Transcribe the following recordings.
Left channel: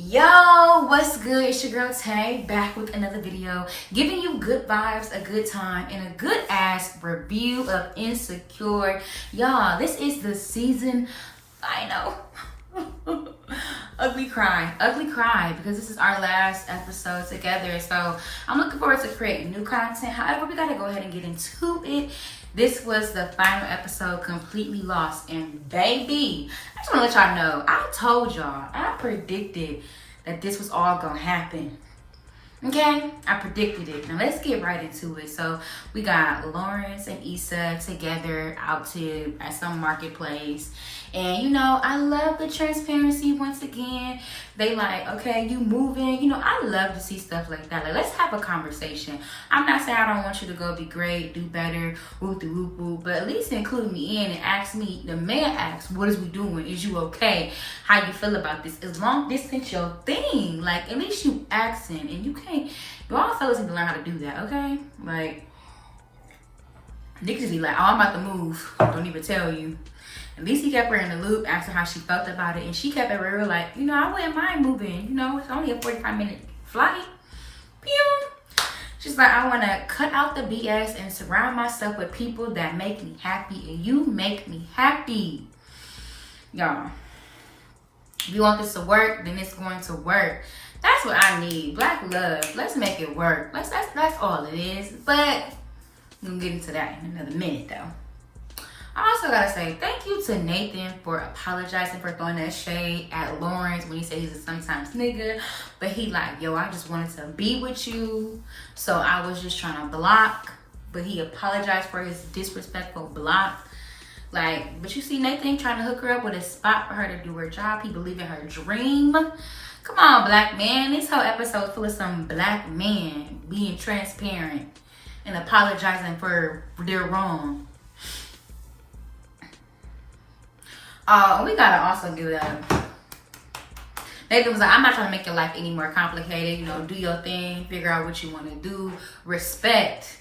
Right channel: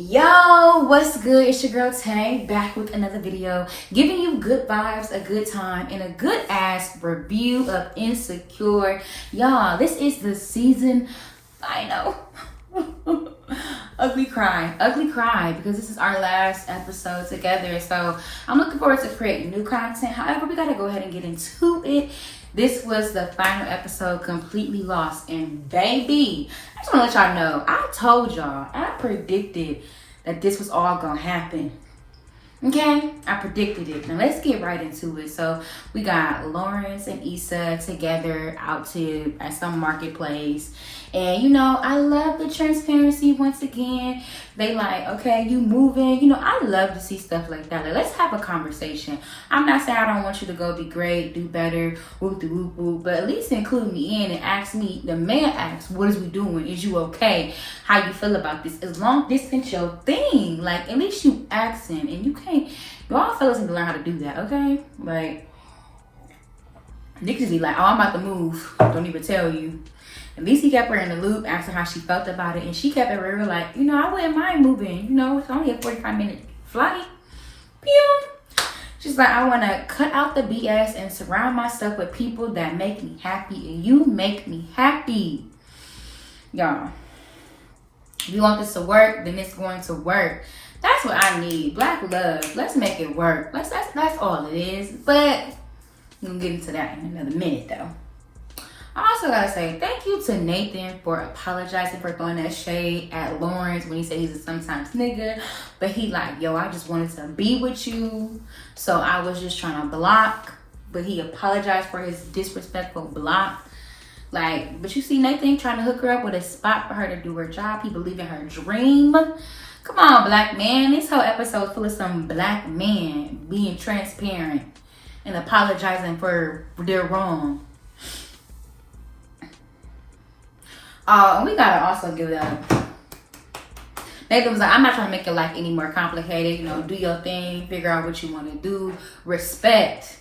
Yo, what's good? It's your girl Tay, back with another video, giving you good vibes, a good time, and a good ass review of Insecure. Y'all, this is the season, I know, ugly cry, because this is our last episode together. So I'm looking forward to creating new content. However, we gotta go ahead and get into it. This was the final episode, Completely Lost. And baby, I just want to let y'all know, I told y'all, I predicted that this was all going to happen. Okay? I predicted it. Now let's get right into it. So we got Lawrence and Issa together out at some marketplace. And you know, I love the transparency once again. They like, okay, you moving. You know, I love to see stuff like that. Like, let's have a conversation. I'm not saying I don't want you to go be great, do better, whoop de whoop whoop, but at least include me in and ask me. The man asks, what is we doing? Is you okay? How you feel about this? As long as this ain't your thing, like at least you asking. And you can't, y'all fellas need to learn how to do that, okay? Like, niggas be like, oh, I'm about to move. Don't even tell you. At least he kept her in the loop, asked her how she felt about it, and she kept it real, like, you know, I wouldn't mind moving. You know, it's only a 45-minute flight. Pew. She's like, I want to cut out the BS and surround myself with people that make me happy, and you make me happy. Y'all, if you want this to work, then it's going to work. That's what I need. Black love. Let's make it work. That's all it is. But we're going to get into that in another minute, though. I also gotta say thank you to Nathan for apologizing for throwing that shade at Lawrence when he said he's a sometimes nigga. But he like, yo, I just wanted to be with you, so I was just trying to block. But he apologized for his disrespectful block. Like, but you see Nathan trying to hook her up with a spot for her to do her job. He believed in her dream. Come on, black man. This whole episode full of some black men being transparent and apologizing for their wrong. We gotta also give that. Nathan was like, I'm not trying to make your life any more complicated. You know, do your thing, figure out what you want to do. Respect.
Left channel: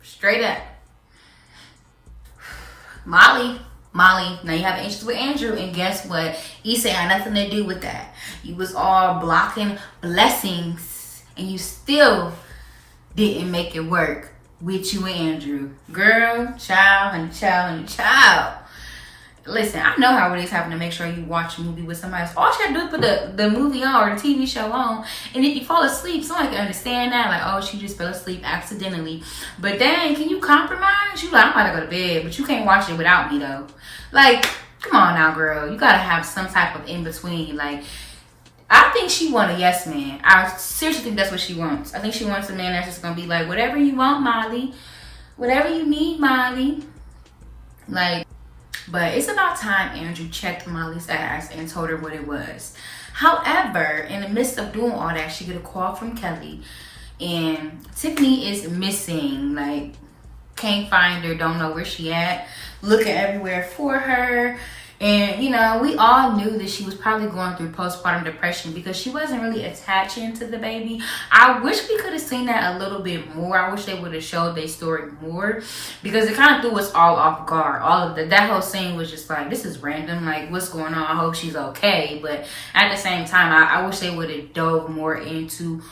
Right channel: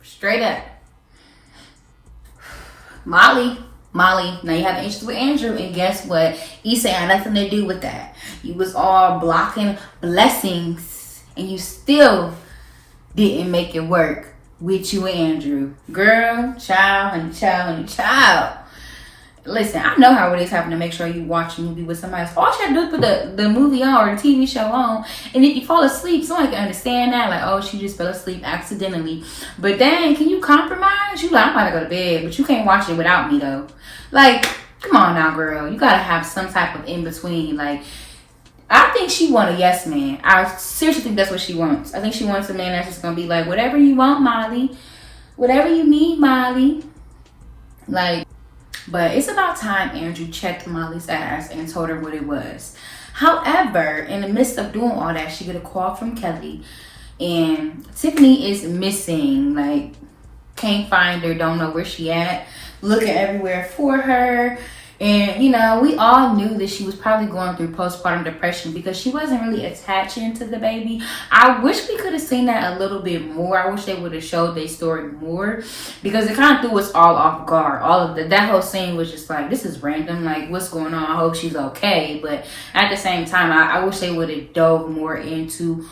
Straight up. Molly. Now you have issues with Andrew, and guess what? Issa had nothing to do with that. You was all blocking blessings, and you still didn't make it work with you and Andrew. Girl, child. Listen, I know how it is having to make sure you watch a movie with somebody else. All you have to do is put the movie on or the TV show on, and if you fall asleep, someone can understand that. Like, oh, she just fell asleep accidentally. But dang, can you compromise? You like, I'm about to go to bed, but you can't watch it without me though. Like, come on now, girl. You gotta have some type of in-between. Like, I think she wants a yes man. I seriously think that's what she wants. I think she wants a man that's just going to be like, whatever you want, Molly. Whatever you need, Molly. Like, but it's about time Andrew checked Molly's ass and told her what it was. However, in the midst of doing all that, she get a call from Kelly. And Tiffany is missing. Like, can't find her, don't know where she at. Looking everywhere for her. And, you know, we all knew that she was probably going through postpartum depression because she wasn't really attaching to the baby. I wish we could have seen that a little bit more. I wish they would have showed their story more because it kind of threw us all off guard. All of that whole scene was just like, this is random. Like, what's going on? I hope she's okay. But at the same time, I wish they would have dove more into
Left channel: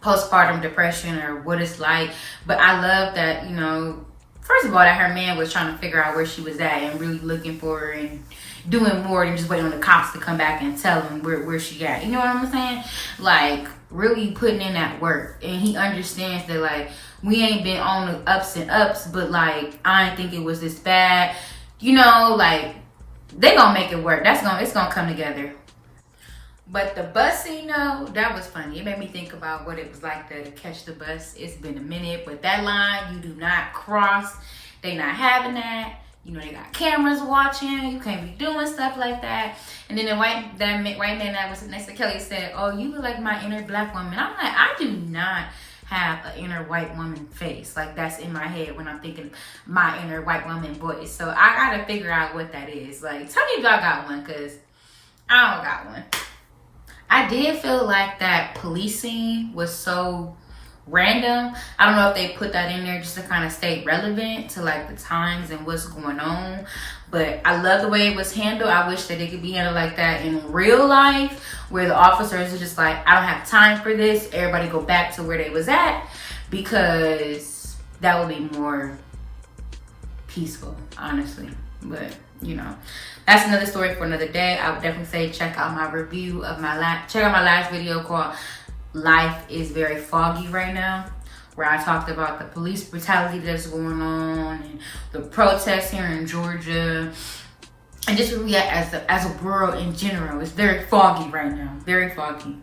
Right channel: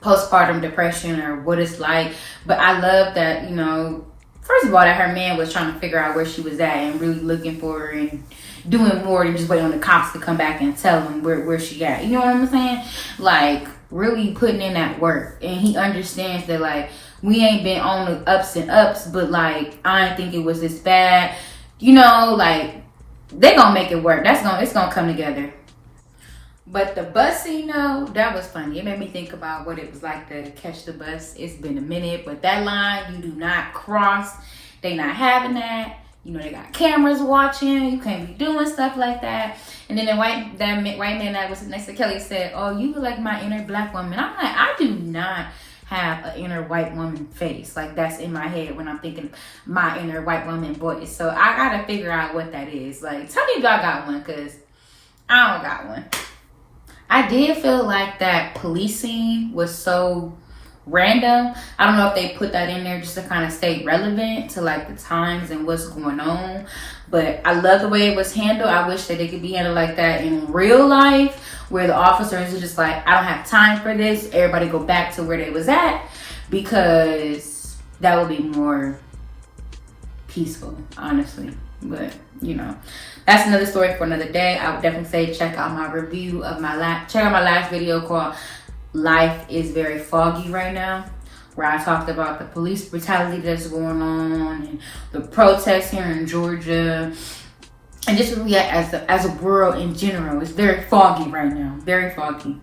postpartum depression or what it's like. But I love that, you know, first of all, that her man was trying to figure out where she was at and really looking for her and doing more than just waiting on the cops to come back and tell him where she at. You know what I'm saying? Like, really putting in that work. And he understands that, like, we ain't been on the ups and ups, but, like, I didn't think it was this bad. You know, like, they gonna make it work. It's gonna come together. But the bus scene, though, that was funny. It made me think about what it was like to catch the bus. It's been a minute, but that line, you do not cross. They not having that. You know, they got cameras watching. You can't be doing stuff like that. And then the white man that was next to Kelly said, oh, you look like my inner black woman. I'm like, I do not have an inner white woman face. Like, that's in my head when I'm thinking my inner white woman voice. So I got to figure out what that is. Like, tell me if y'all got one, because I don't got one. I did feel like that police scene was so random. I don't know if they put that in there just to kind of stay relevant to like the times and what's going on. But I love the way it was handled. I wish that it could be handled like that in real life, where the officers are just like, I don't have time for this. Everybody go back to where they was at, because that would be more peaceful, honestly. But you know, that's another story for another day. I would definitely say check out my review of check out my last video called Life is Very Foggy Right Now, where I talked about the police brutality that's going on and the protests here in Georgia, and just really as a world in general. It's very foggy right now, very foggy.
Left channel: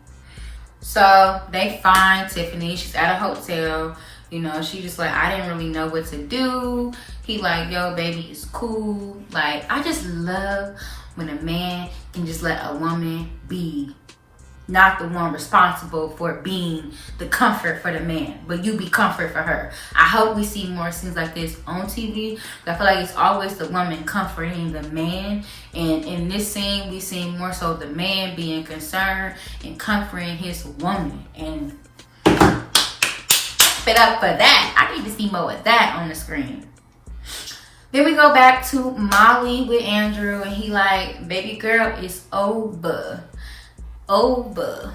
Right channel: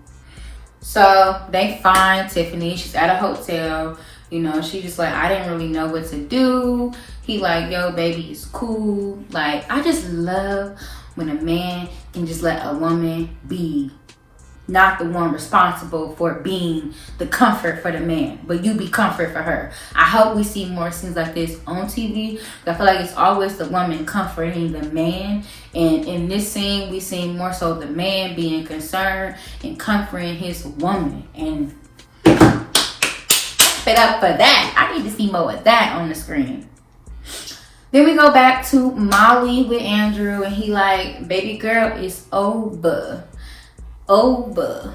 So they find Tiffany. She's at a hotel. You know, she just like, I didn't really know what to do. He like, yo, baby, it's cool. Like, I just love when a man can just let a woman be, not the one responsible for being the comfort for the man, but you be comfort for her. I hope we see more scenes like this on TV. I feel like it's always the woman comforting the man. And in this scene, we see more so the man being concerned and comforting his woman. And it up for that. I need to see more of that on the screen. Then we go back to Molly with Andrew, and he like, baby girl, it's over. Over.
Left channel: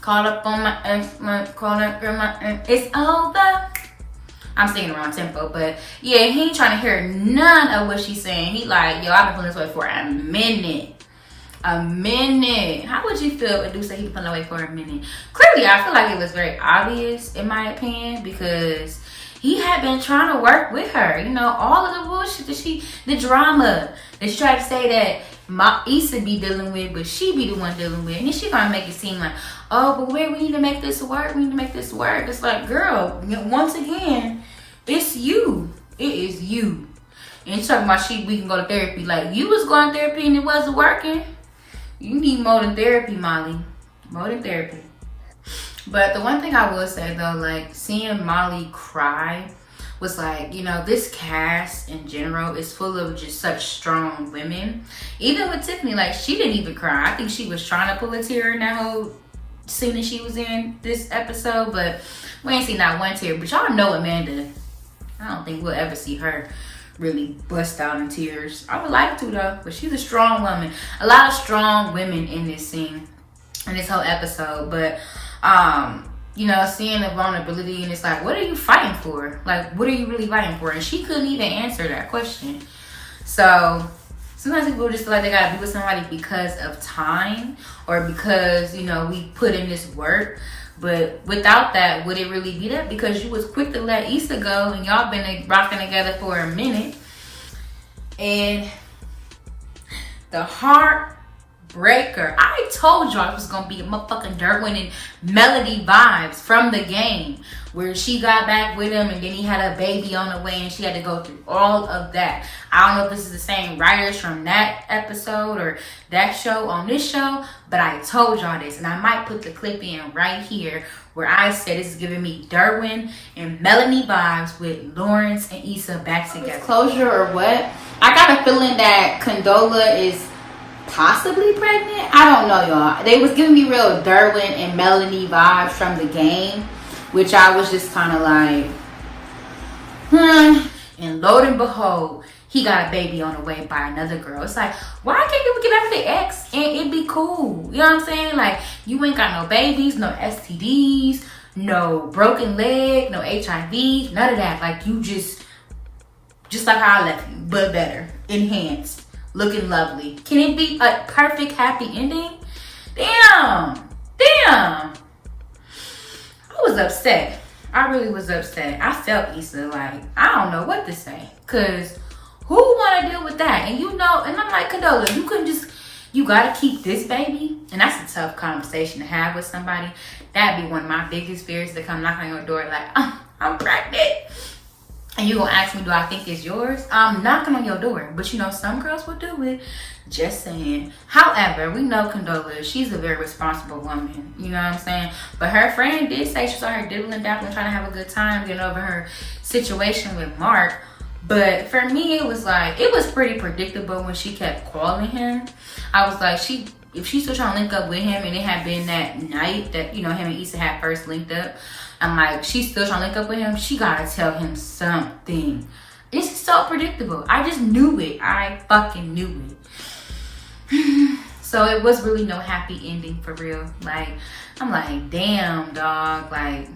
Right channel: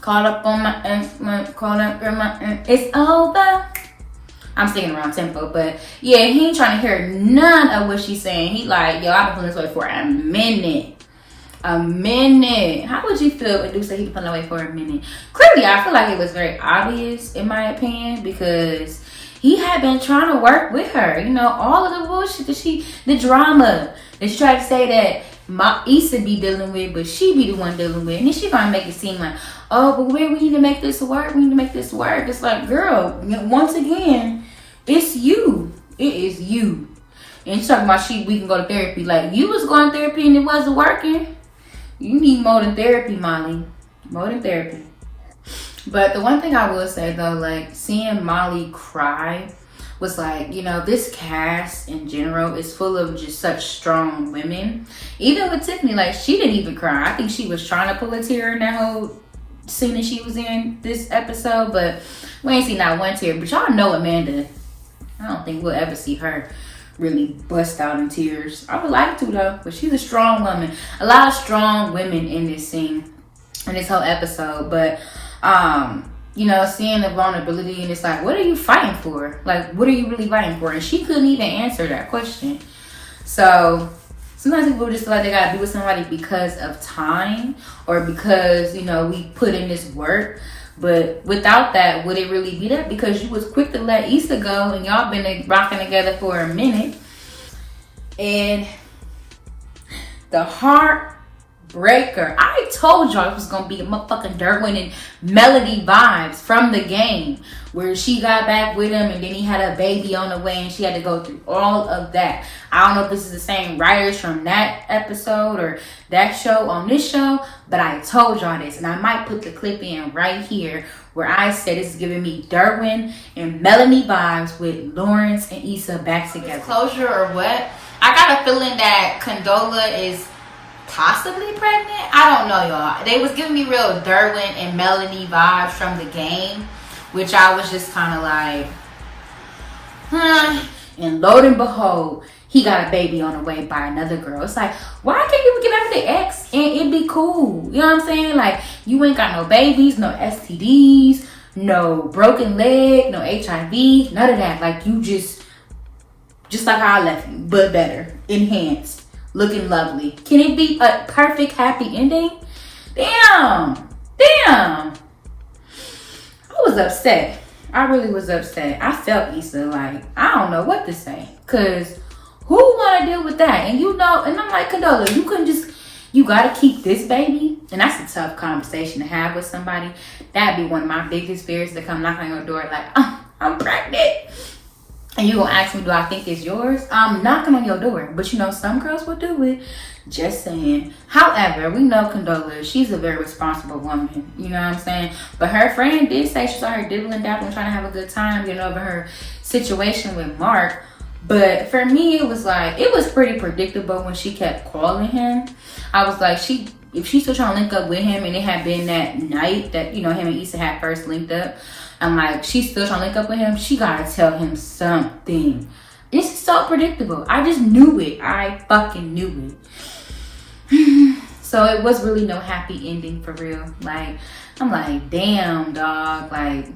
Caught up on my ex, caught up on my ex, it's over. I'm singing the wrong tempo, but yeah, he ain't trying to hear none of what she's saying. He like, yo, I've been feeling this way for a minute. A minute. How would you feel if Dude said he was feeling away for a minute? Clearly, I feel like it was very obvious, in my opinion, because he had been trying to work with her. You know, all of the bullshit that the drama that she tried to say that Issa be dealing with, but she be the one dealing with. And then she gonna make it seem like, oh, but we need to make this work. We need to make this work. It's like, girl, once again, it's you. It is you. And she's talking about we can go to therapy. Like, you was going to therapy and it wasn't working. You need more than therapy, Molly. More than therapy. But the one thing I will say, though, like, seeing Molly cry was like, you know, this cast in general is full of just such strong women. Even with Tiffany, like, she didn't even cry. I think she was trying to pull a tear in that whole scene that she was in this episode. But we ain't seen not one tear. But y'all know Amanda. I don't think we'll ever see her really bust out in tears. I would like to, though, but she's a strong woman. A lot of strong women in this scene, in this whole episode. But you know, seeing the vulnerability, and it's like, what are you fighting for? Like, what are you really fighting for? And she couldn't even answer that question. So sometimes people just feel like they gotta be with somebody because of time, or because, you know, we put in this work. But without that, would it really be that? Because you was quick to let Issa go, and y'all been rocking together for a minute. And the heartbreaker, I told y'all it was gonna be a motherfucking Derwin and Melody vibes from the game, where she got back with him and then he had a baby on the way and she had to go through all of that. I don't know if this is the same writers from that episode or that show on this show, but I told y'all this, and I might put the clip in right here where I said this is giving me Derwin and Melanie vibes with Lawrence and Issa back together. Closure or what? I got a feeling that Condola is possibly pregnant. I don't know, y'all. They was giving me real Derwin and Melanie vibes from the game, which I was just kind of like, and lo and behold, he got a baby on the way by another girl. It's like, why can't you get out of the ex and it be cool? You know what I'm saying? Like, you ain't got no babies, no STDs, no broken leg, no HIV, none of that. Like, you just like how I left you, but better, enhanced, looking lovely. Can it be a perfect happy ending? Damn. I was upset. I really was upset. I felt Issa, like, I don't know what to say, because who want to deal with that? And you know, and I'm like, Condola, you couldn't just, you got to keep this baby? And that's a tough conversation to have with somebody. That'd be one of my biggest fears, to come knock on your door like, I'm pregnant. And you gonna ask me, do I think it's yours? I'm knocking on your door. But you know, some girls will do it. Just saying. However, we know Condola, she's a very responsible woman. You know what I'm saying? But her friend did say she saw her dibbling dabbling, trying to have a good time, getting over her situation with Mark. But for me, it was like, it was pretty predictable when she kept calling him. I was like, if she's still trying to link up with him, and it had been that night that, you know, him and Issa had first linked up, I'm like, she's still trying to link up with him. She gotta tell him something. This is so predictable. I just knew it. I fucking knew it. So it was really no happy ending for real. Like, I'm like, damn, dog. Like,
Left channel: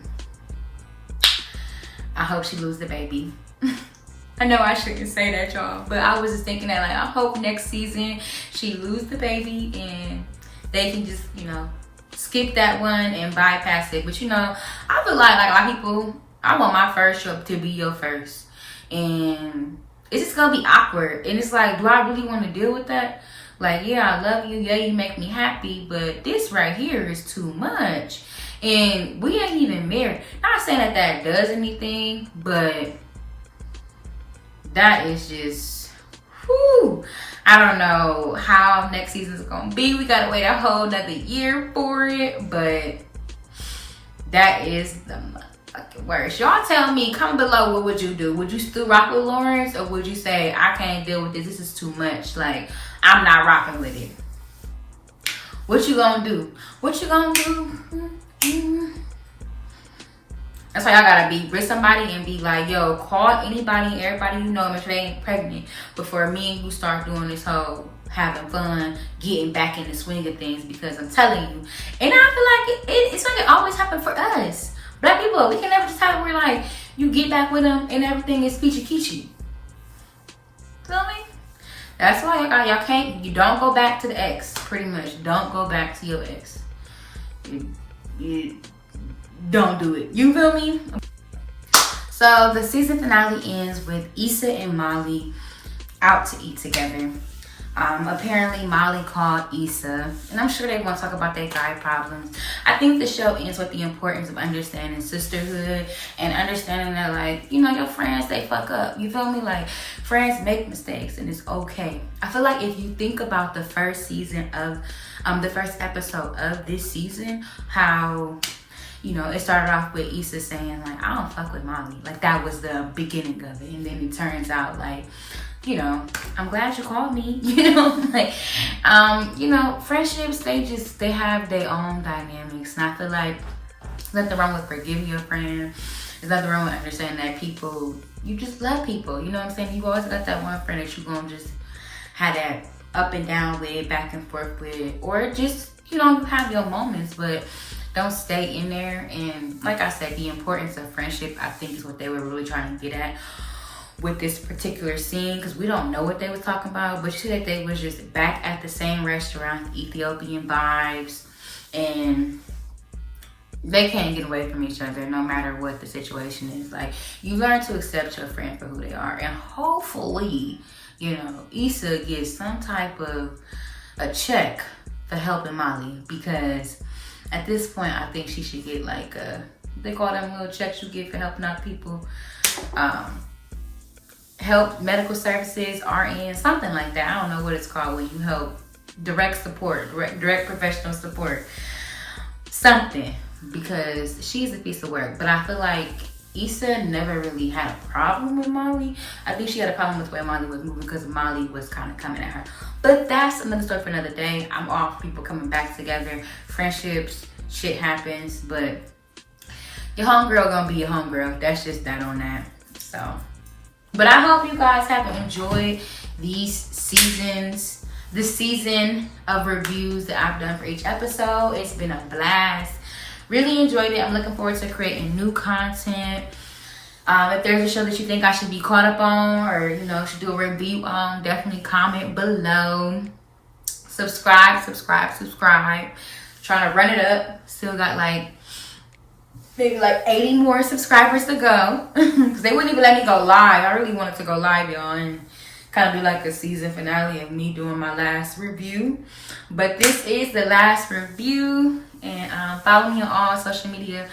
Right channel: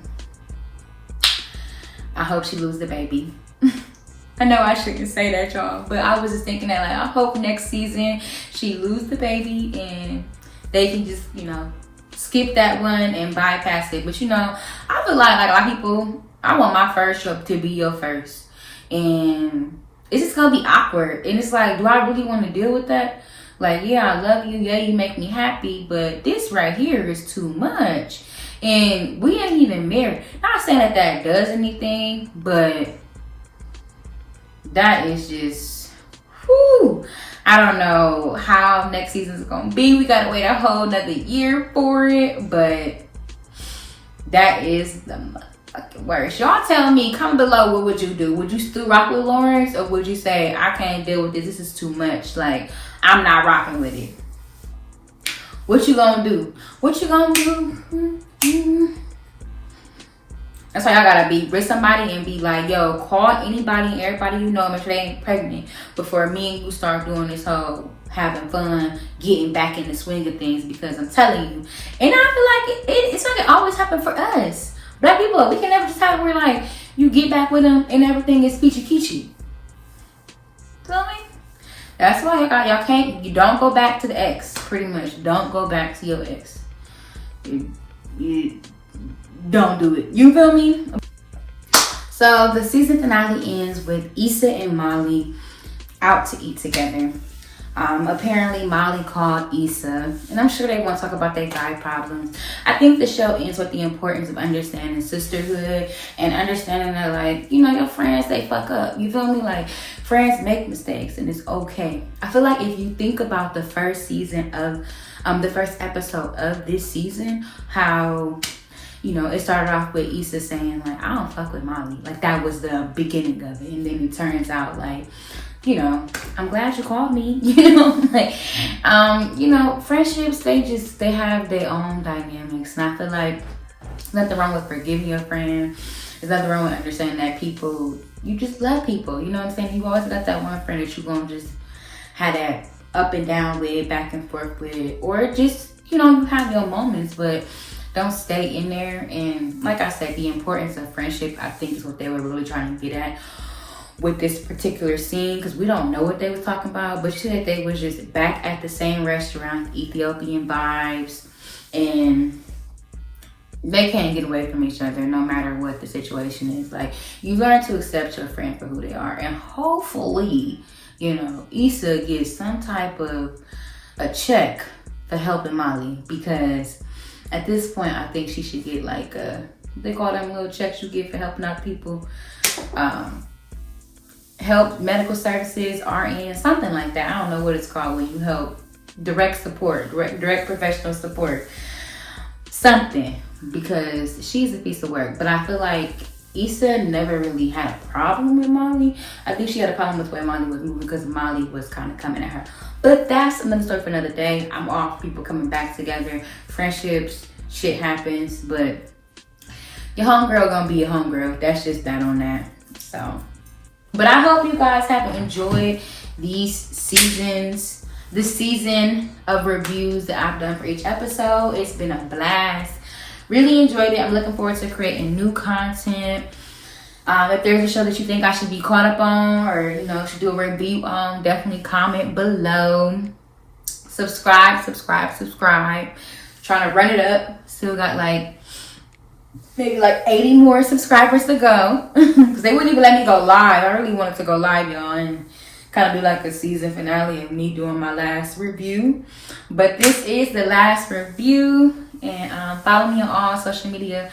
I hope she lose the baby. I know I shouldn't say that, y'all, but I was just thinking that, like, I hope next season she lose the baby and they can just, you know, skip that one and bypass it. But, you know, I feel like a lot of people, I want my first trip to be your first. And it's just going to be awkward. And it's like, do I really want to deal with that? Like, yeah, I love you. Yeah, you make me happy. But this right here is too much. And we ain't even married. Not saying that that does anything, but that is just, whew. I don't know how next season is going to be. We got to wait a whole nother year for it. But that is the motherfucking worst. Y'all tell me, comment below, what would you do? Would you still rock with Lawrence? Or would you say, I can't deal with this. This is too much. Like, I'm not rocking with it. What you gonna do? What you gonna do? That's why y'all gotta be with somebody and be like, yo, call anybody, everybody you know, make sure they ain't pregnant before me and you start doing this whole having fun, getting back in the swing of things. Because I'm telling you, and I feel like it's like it always happened for us. Black people, we can never just have it where like you get back with them and everything is peachy peachy. Feel me? That's why you don't go back to the ex. Pretty much, don't go back to your ex. You don't do it. You feel me? So the season finale ends with Issa and Molly out to eat together. Apparently Molly called Issa, and I'm sure they want to talk about their guy problems. I think the show ends with the importance of understanding sisterhood and understanding that, like, you know, your friends, they fuck up. You feel me? Like, friends make mistakes and it's okay. I feel like if you think about the first season of, the first episode of this season, how, you know, it started off with Issa saying, like, I don't fuck with Molly. Like, that was the beginning of it. And then it turns out, like, you know, I'm glad you called me. You know, like, you know, friendships, they have their own dynamics. And I feel like there's nothing wrong with forgiving your friend. There's nothing wrong with understanding that people, you just love people. You know what I'm saying? You always got that one friend that you're going to just have that up and down with, back and forth with. Or just, you know, you have your moments, but don't stay in there. And like I said, the importance of friendship, I think, is what they were really trying to get at with this particular scene, because we don't know what they was talking about, but she said they was just back at the same restaurant, Ethiopian vibes, and they can't get away from each other no matter what the situation is. Like, you learn to accept your friend for who they are, and hopefully, you know, Issa gets some type of a check for helping Molly, because at this point I think she should get like they call them little checks you get for helping out people, help medical services, RN, something like that. I don't know what it's called when you help direct support, direct professional support, something, because she's a piece of work. But I feel like Issa never really had a problem with Molly. I think she had a problem with the way Molly was moving because Molly was kind of coming at her. But that's another story for another day. I'm all for people coming back together, friendships, shit happens, but your homegirl gonna be your homegirl. That's just that on that. So, but I hope you guys have enjoyed these seasons, the season of reviews that I've done for each episode. It's been a blast. Really enjoyed it. I'm looking forward to creating new content. If there's a show that you think I should be caught up on, or, you know, should do a review on, definitely comment below. Subscribe. Trying to run it up. Still got like maybe like 80 more subscribers to go, because they wouldn't even let me go live. I really wanted to go live, y'all, and kind of do like a season finale of me doing my last review. But this is the last review, and follow me on all social media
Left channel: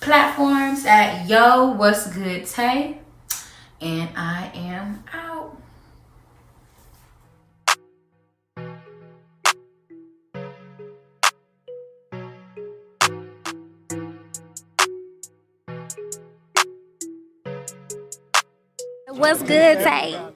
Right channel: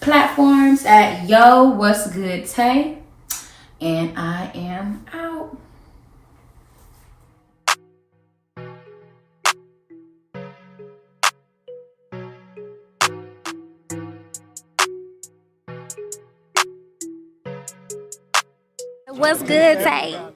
platforms at Yo What's Good Tay, and I am out. What's good, Tay?